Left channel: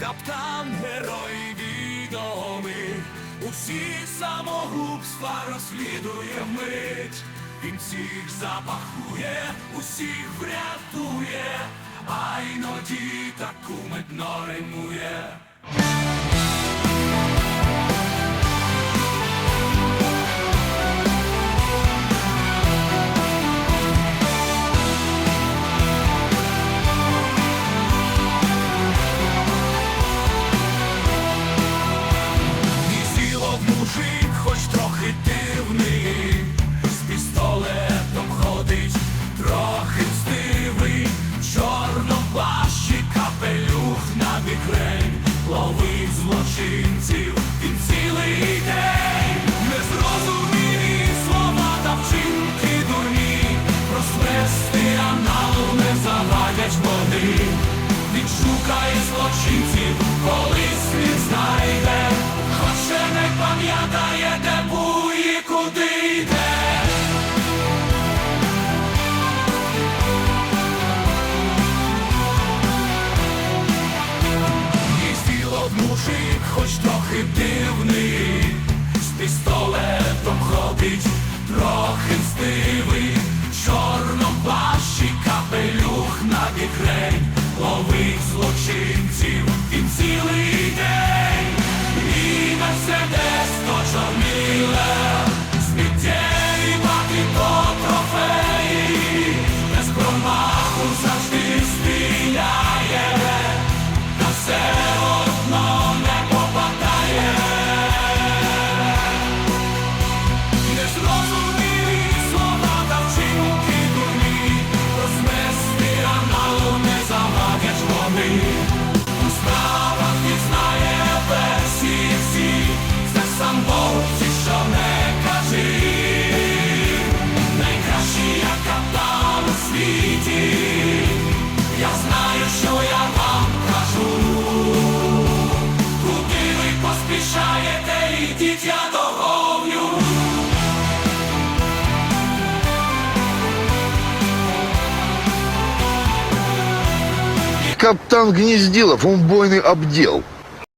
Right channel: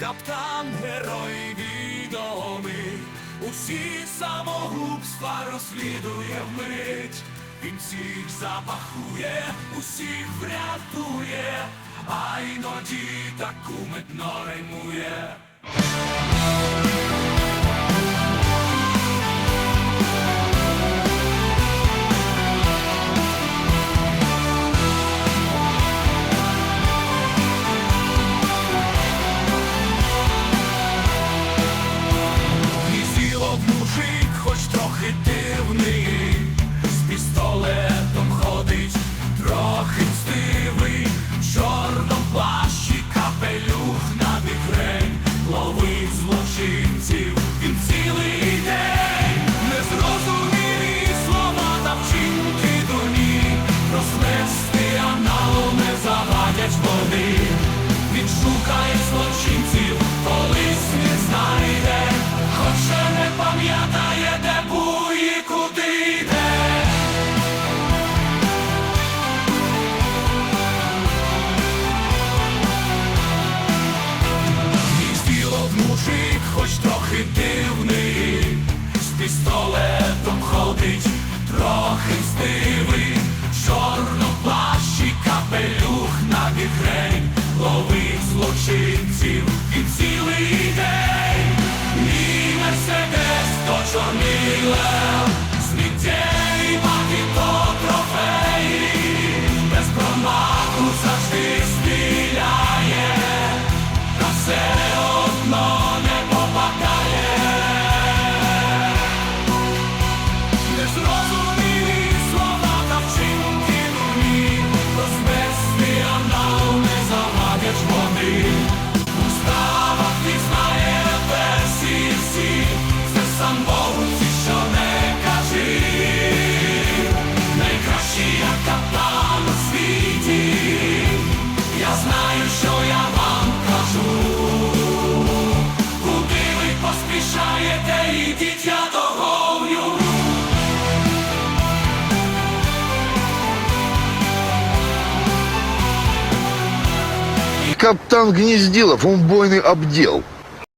каптан, герой відомий, усі самогубства розслідує вмить. Він всіх запахує, усіх врятує, а іноді таку медно римує. І мужик, хоч трохи дивний, з пістолетом ходить, трохи мстивий, в чорному плащі капелюх на мігрень, ловить злочинців, він цілий день, незрозумілі слова та вчинки дурні, розплести аналу не завадять вони. Він шукає злочинців, колись мужик, хоч трохи дивний, з пістолетом ходить, трохи стивий, в чорному плащі капелюх на бігрень, ловить злочинців і цілий день. Мій мерседес, то чорний лев, сміттєві баки, У справах пізнає версії всі, сам Богуці, що не кажи. Найкращий я капітан у світі. Я знаю, що я вам кажу. Куди ви поспішаєте, ідіть я договлю. Каптан Гнездилов, он бойный обдел.